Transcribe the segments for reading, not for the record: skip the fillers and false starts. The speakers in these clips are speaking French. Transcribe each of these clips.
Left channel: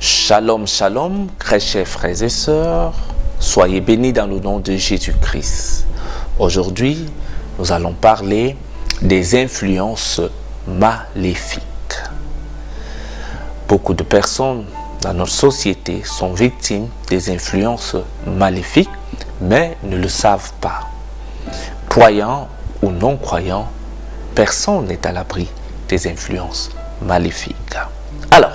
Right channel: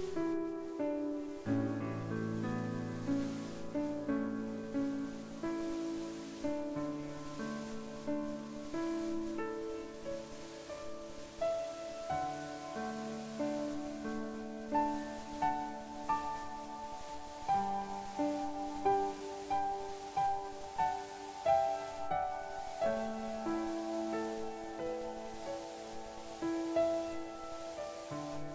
Shalom, shalom, très chers frères et sœurs, soyez bénis dans le nom de Jésus-Christ. Aujourd'hui, nous allons parler des influences maléfiques. Beaucoup de personnes dans notre société sont victimes des influences maléfiques, mais ne le savent pas. Croyants ou non-croyants, personne n'est à l'abri des influences maléfiques. Alors,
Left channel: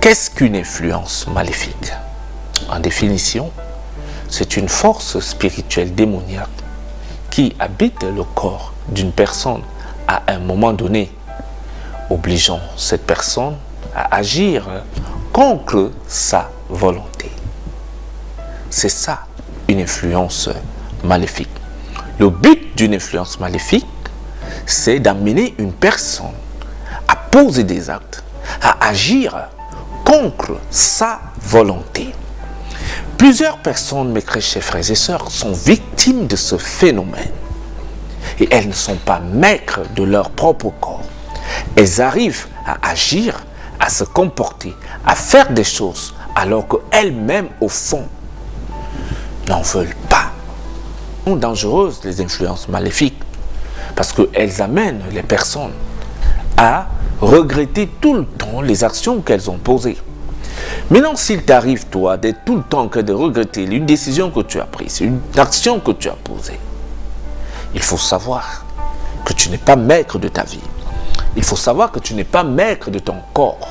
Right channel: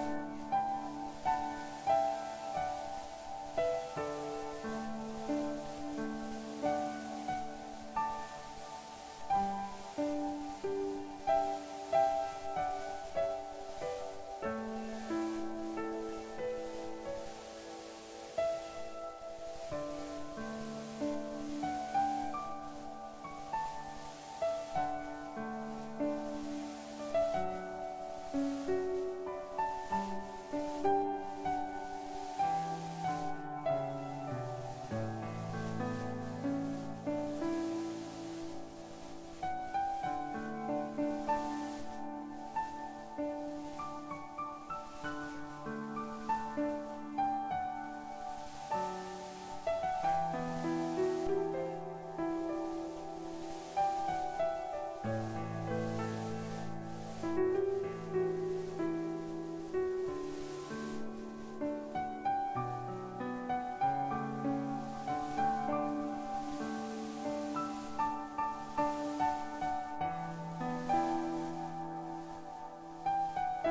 qu'est-ce qu'une influence maléfique? En définition, c'est une force spirituelle démoniaque qui habite le corps d'une personne à un moment donné, obligeant cette personne à agir contre sa volonté. C'est ça, une influence maléfique. Le but d'une influence maléfique, c'est d'amener une personne à poser des actes, à agir contre sa volonté. Plusieurs personnes, mes chers frères et sœurs, sont victimes de ce phénomène. Et elles ne sont pas maîtres de leur propre corps. Elles arrivent à agir, à se comporter, à faire des choses, alors qu'elles-mêmes, au fond, n'en veulent pas. Sont dangereuses, les influences maléfiques, parce qu'elles amènent les personnes à regretter tout le temps les actions qu'elles ont posées. Maintenant, s'il t'arrive, toi, d'être tout le temps que de regretter une décision que tu as prise, une action que tu as posée, il faut savoir que tu n'es pas maître de ta vie. Il faut savoir que tu n'es pas maître de ton corps.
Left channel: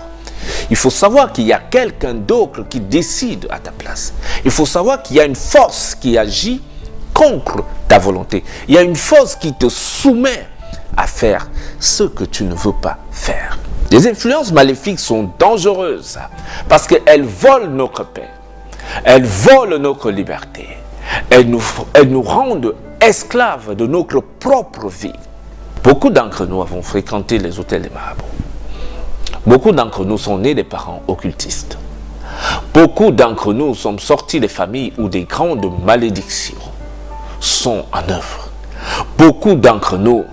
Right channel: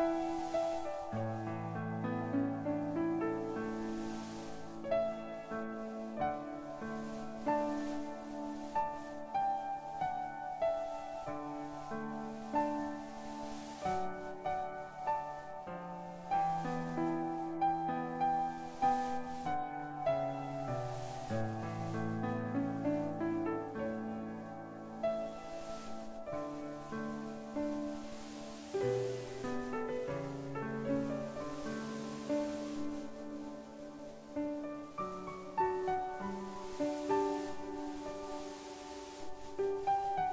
Il faut savoir qu'il y a quelqu'un d'autre qui décide à ta place. Il faut savoir qu'il y a une force qui agit contre ta volonté. Il y a une force qui te soumet à faire ce que tu ne veux pas faire. Les influences maléfiques sont dangereuses parce qu'elles volent notre paix, elles volent notre liberté, elles nous rendent esclaves de notre propre vie. Beaucoup d'entre nous avons fréquenté les hôtels des marabouts. Beaucoup d'entre nous sont nés des parents occultistes. Beaucoup d'entre nous sommes sortis des familles où des grandes malédictions sont en œuvre. Beaucoup d'entre nous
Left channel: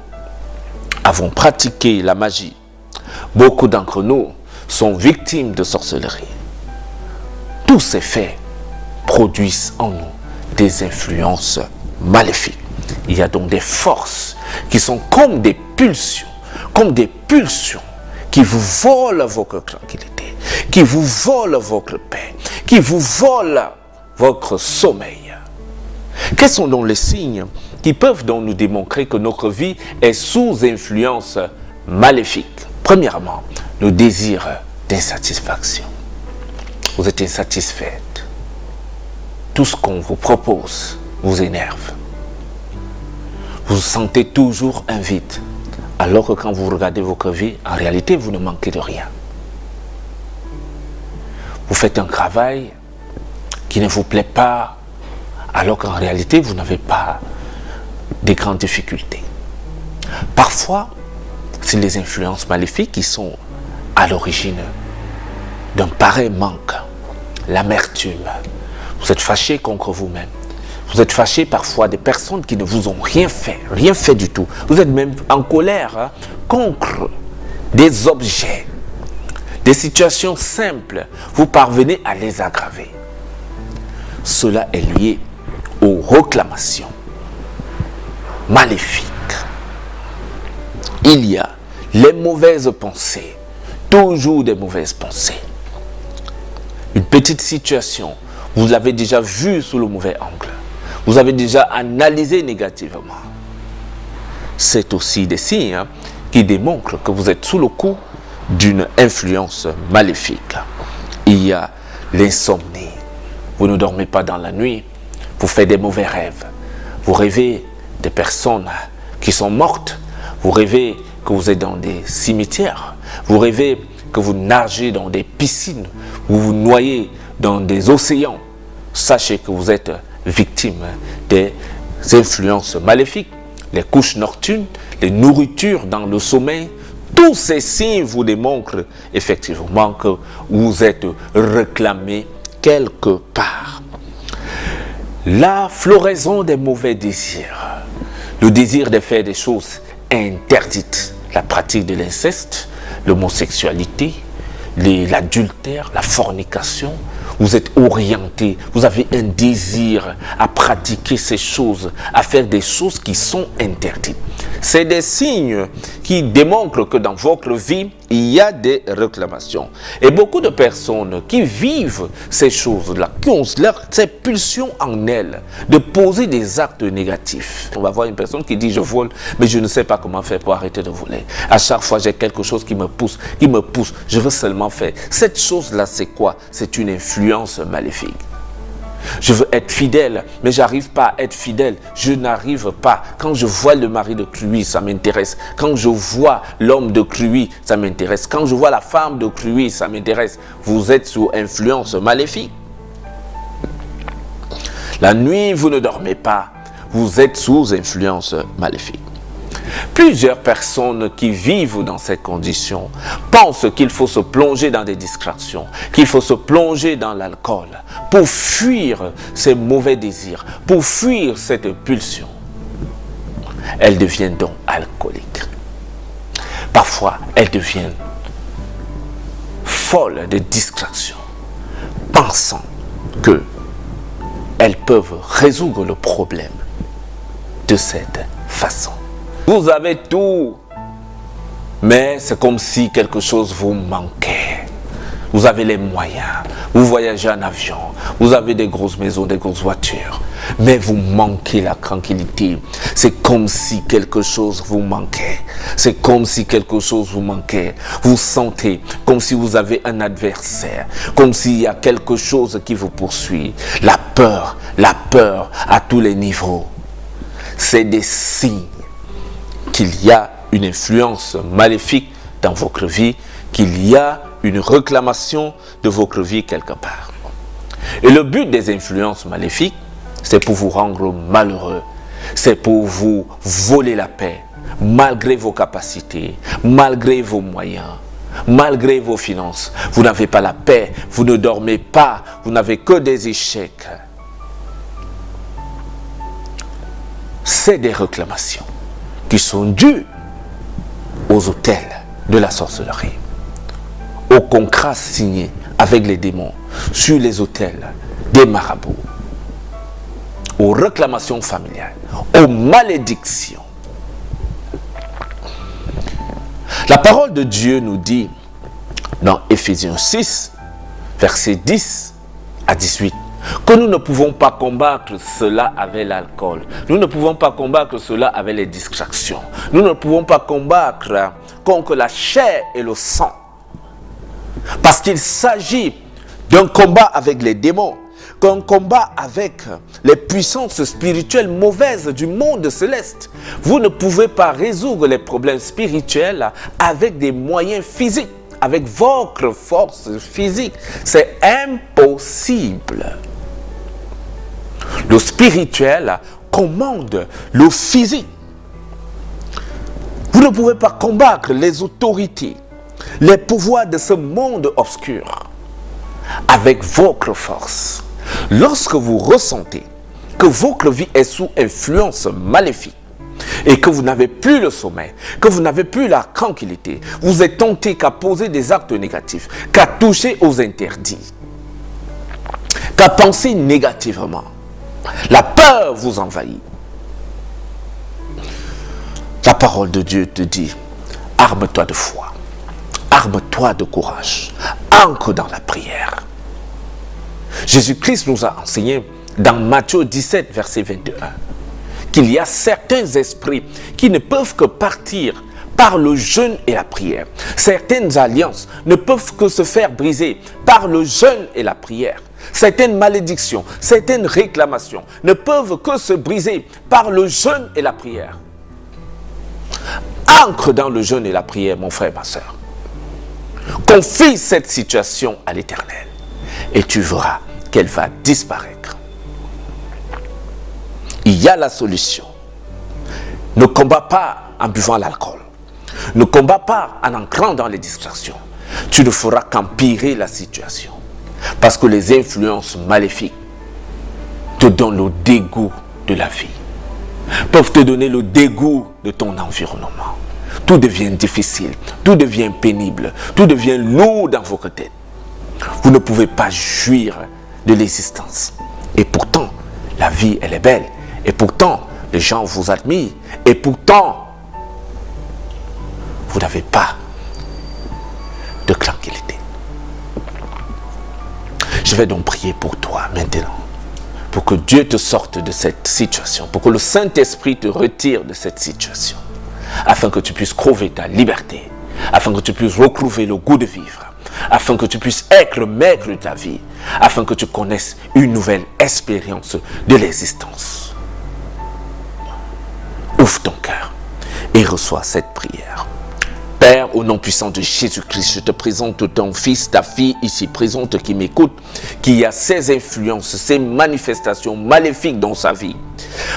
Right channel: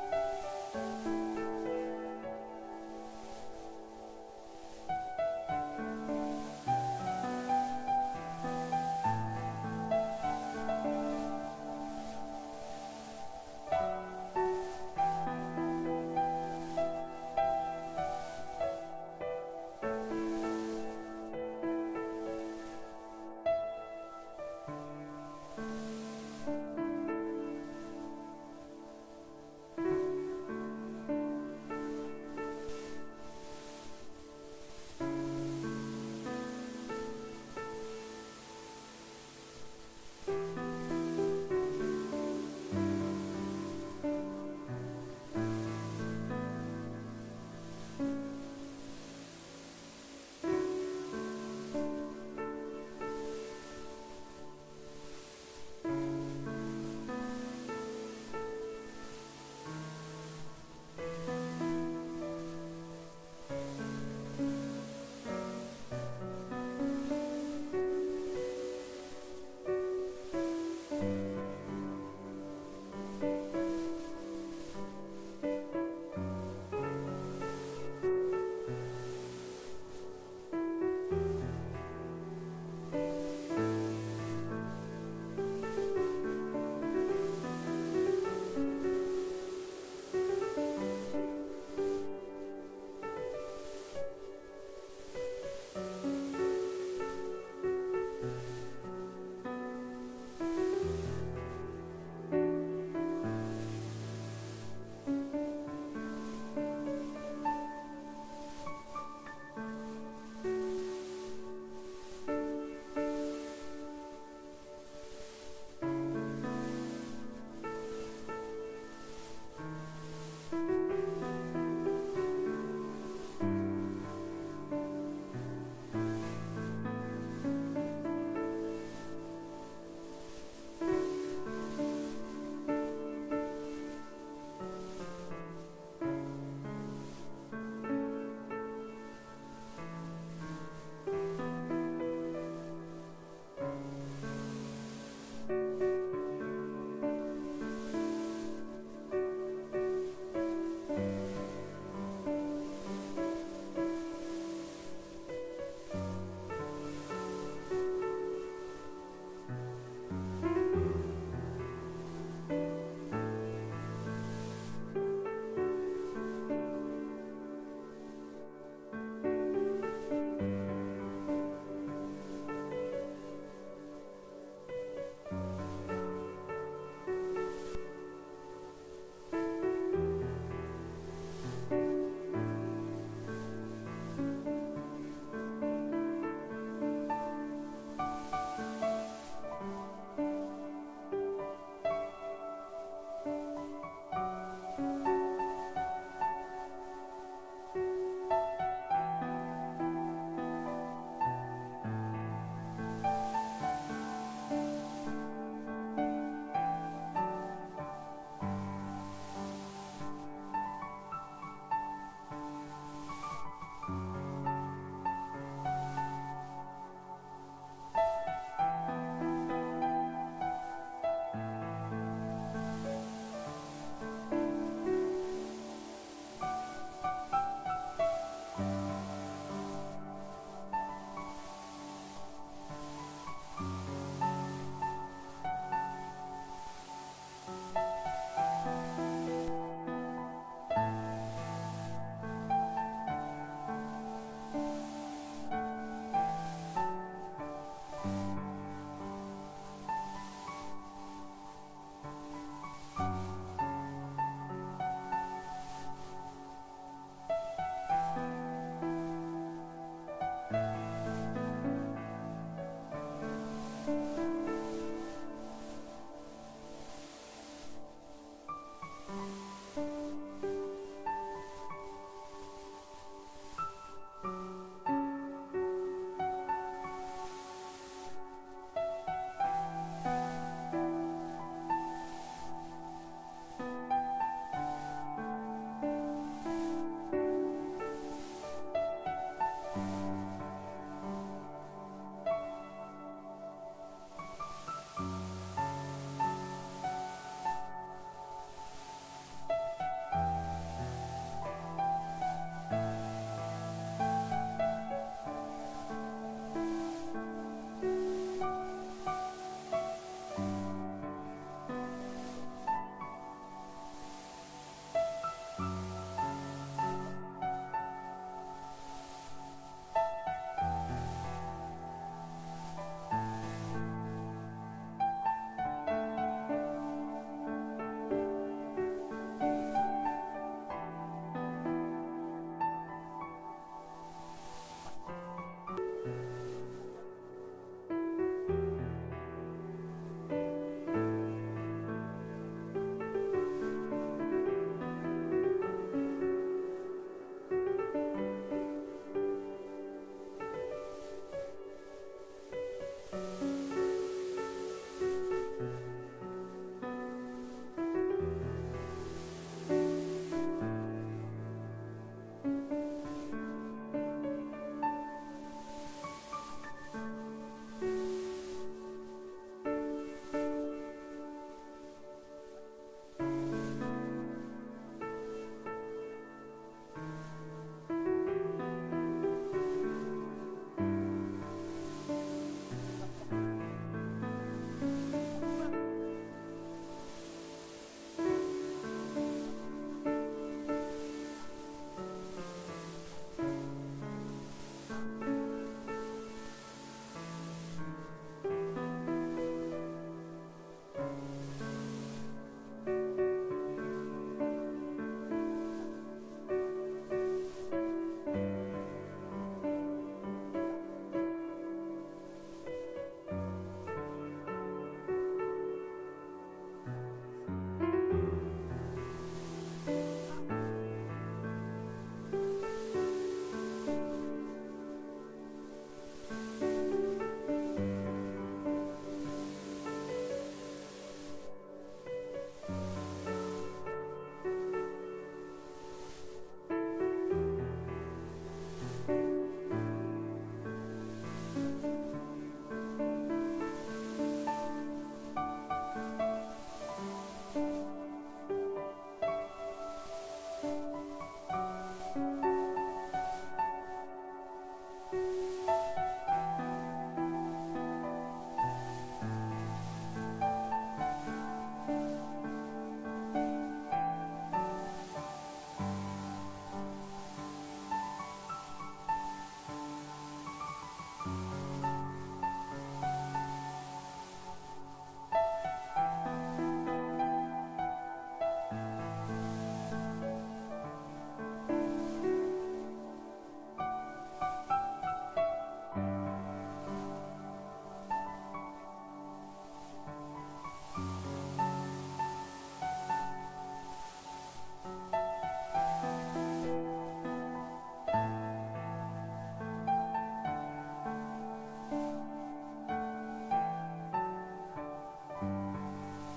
avons pratiqué la magie. Beaucoup d'entre nous sont victimes de sorcellerie. Tous ces faits produisent en nous des influences maléfiques. Il y a donc des forces qui sont comme des pulsions qui vous volent votre tranquillité, qui vous volent votre paix, qui vous volent votre sommeil. Quels sont donc les signes qui peuvent donc nous démontrer que notre vie est sous influence maléfique? Premièrement, le désir d'insatisfaction. Vous êtes insatisfaite. Tout ce qu'on vous propose vous énerve. Vous sentez toujours un vide, alors que quand vous regardez votre vie, en réalité, vous ne manquez de rien. Vous faites un travail qui ne vous plaît pas, alors qu'en réalité, vous n'avez pas de grandes difficultés. Parfois, c'est les influences maléfiques qui sont à l'origine d'un pareil manque, l'amertume. Vous êtes fâché contre vous-même. Vous êtes fâché parfois des personnes qui ne vous ont rien fait du tout. Vous êtes même en colère contre des objets, des situations simples. Vous parvenez à les aggraver. Cela est lié aux réclamations maléfiques. Il y a les mauvaises pensées, toujours des mauvaises pensées. Une petite situation, vous l'avez déjà vue sous le mauvais angle. Vous avez déjà analysé négativement. C'est aussi des signes qui démontrent que vous êtes sous le coup d'une influence maléfique. Il y a l'insomnie. Vous ne dormez pas dans la nuit. Vous faites des mauvais rêves. Vous rêvez des personnes qui sont mortes. Vous rêvez que vous êtes dans des cimetières. Vous rêvez que vous nagez dans des piscines. Vous vous noyez dans des océans. Sachez que vous êtes victime des influences maléfiques, les couches nocturnes, les nourritures dans le sommeil. Tous ces signes vous démontrent effectivement que vous êtes réclamé quelque part. La floraison des mauvais désirs, le désir de faire des choses interdites, la pratique de l'inceste, l'homosexualité, l'adultère, la fornication, vous êtes orienté, vous avez un désir à pratiquer ces choses, à faire des choses qui sont interdites. C'est des signes qui démontrent que dans votre vie, il y a des réclamations. Et beaucoup de personnes qui vivent ces choses-là, qui ont cette pulsion en elles de poser des actes négatifs. On va voir une personne qui dit « je vole, mais je ne sais pas comment faire pour arrêter de voler. À chaque fois, j'ai quelque chose qui me pousse, je veux seulement faire. » Cette chose-là, c'est quoi? C'est une influence maléfique. Je veux être fidèle, mais j'arrive pas à être fidèle. Je n'arrive pas. Quand je vois le mari de Cruy, ça m'intéresse. Quand je vois l'homme de Cruy, ça m'intéresse. Quand je vois la femme de Cruy, ça m'intéresse. Vous êtes sous influence maléfique. La nuit, vous ne dormez pas. Vous êtes sous influence maléfique. Plusieurs personnes qui vivent dans ces conditions pensent qu'il faut se plonger dans des distractions, qu'il faut se plonger dans l'alcool pour fuir ces mauvais désirs, pour fuir cette pulsion. Elles deviennent donc alcooliques. Parfois, elles deviennent folles de distraction, pensant qu'elles peuvent résoudre le problème de cette façon. Vous avez tout, mais c'est comme si quelque chose vous manquait. Vous avez les moyens, vous voyagez en avion, vous avez des grosses maisons, des grosses voitures, mais vous manquez la tranquillité. C'est comme si quelque chose vous manquait. C'est comme si quelque chose vous manquait. Vous sentez comme si vous avez un adversaire, comme s'il y a quelque chose qui vous poursuit. La peur à tous les niveaux. C'est des signes qu'il y a une influence maléfique dans votre vie, qu'il y a une réclamation de votre vie quelque part. Et le but des influences maléfiques, c'est pour vous rendre malheureux, c'est pour vous voler la paix, malgré vos capacités, malgré vos moyens, malgré vos finances. Vous n'avez pas la paix, vous ne dormez pas, vous n'avez que des échecs. C'est des réclamations qui sont dues aux autels de la sorcellerie, aux contrats signés avec les démons sur les autels des marabouts, aux réclamations familiales, aux malédictions. La parole de Dieu nous dit dans Éphésiens 6, versets 10 à 18, que nous ne pouvons pas combattre cela avec l'alcool. Nous ne pouvons pas combattre cela avec les distractions. Nous ne pouvons pas combattre contre la chair et le sang. Parce qu'il s'agit d'un combat avec les démons, d'un combat avec les puissances spirituelles mauvaises du monde céleste. Vous ne pouvez pas résoudre les problèmes spirituels avec des moyens physiques, avec votre force physique. C'est impossible. Le spirituel commande le physique. Vous ne pouvez pas combattre les autorités, les pouvoirs de ce monde obscur avec votre force. Lorsque vous ressentez que votre vie est sous influence maléfique et que vous n'avez plus le sommeil, que vous n'avez plus la tranquillité, vous êtes tenté qu'à poser des actes négatifs, qu'à toucher aux interdits, qu'à penser négativement. La peur vous envahit. La parole de Dieu te dit, arme-toi de foi, arme-toi de courage, ancre dans la prière. Jésus-Christ nous a enseigné dans Matthieu 17, verset 21, qu'il y a certains esprits qui ne peuvent que partir par le jeûne et la prière. Certaines alliances ne peuvent que se faire briser par le jeûne et la prière. Certaines malédictions, certaines réclamations ne peuvent que se briser par le jeûne et la prière. Ancre dans le jeûne et la prière, mon frère, ma soeur. Confie cette situation à l'Éternel et tu verras qu'elle va disparaître. Il y a la solution. Ne combat pas en buvant l'alcool. Ne combat pas en entrant dans les distractions. Tu ne feras qu'empirer la situation. Parce que les influences maléfiques te donnent le dégoût de la vie. Peuvent te donner le dégoût de ton environnement. tout devient difficile, tout devient pénible, tout devient lourd dans votre tête. Vous ne pouvez pas jouir de l'existence. Et pourtant, la vie, elle est belle. Et pourtant, les gens vous admirent. Et pourtant, vous n'avez pas de tranquillité. Je vais donc prier pour toi maintenant, pour que Dieu te sorte de cette situation, pour que le Saint-Esprit te retire de cette situation, afin que tu puisses trouver ta liberté, afin que tu puisses retrouver le goût de vivre, afin que tu puisses être le maître de ta vie, afin que tu connaisses une nouvelle expérience de l'existence. Ouvre ton cœur et reçois cette prière. Père, au nom puissant de Jésus-Christ, je te présente ton fils, ta fille ici présente qui m'écoute, qui a ces influences, ces manifestations maléfiques dans sa vie.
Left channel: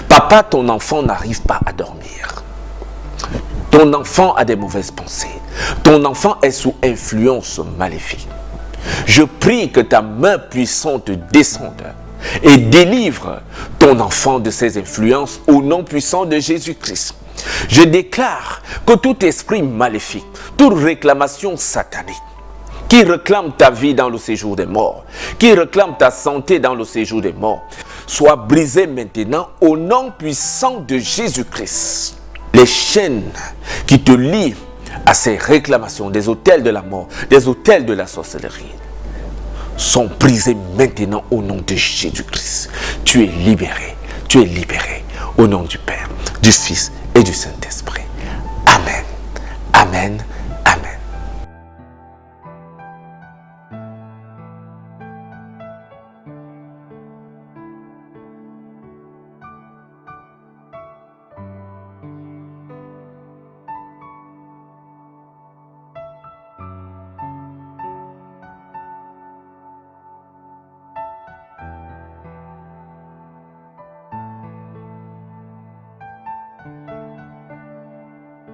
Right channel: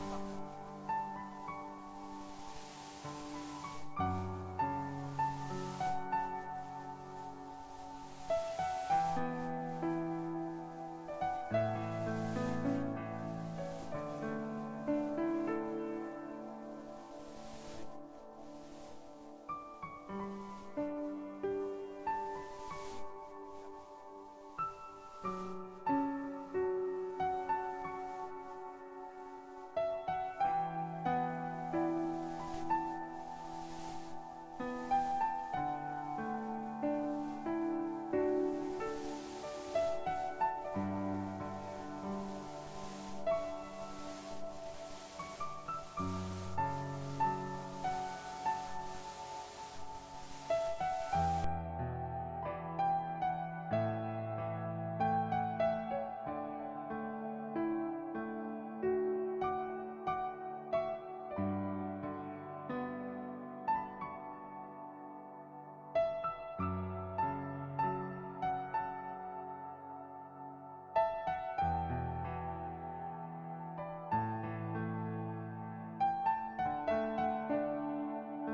Papa, ton enfant n'arrive pas à dormir. Ton enfant a des mauvaises pensées. Ton enfant est sous influence maléfique. Je prie que ta main puissante descende et délivre ton enfant de ces influences au nom puissant de Jésus-Christ. Je déclare que tout esprit maléfique, toute réclamation satanique, qui réclame ta vie dans le séjour des morts, qui réclame ta santé dans le séjour des morts, soit brisé maintenant au nom puissant de Jésus-Christ. Les chaînes qui te lient à ces réclamations des autels de la mort, des autels de la sorcellerie, sont brisées maintenant au nom de Jésus-Christ. Tu es libéré au nom du Père, du Fils et du Saint-Esprit. Amen. Amen.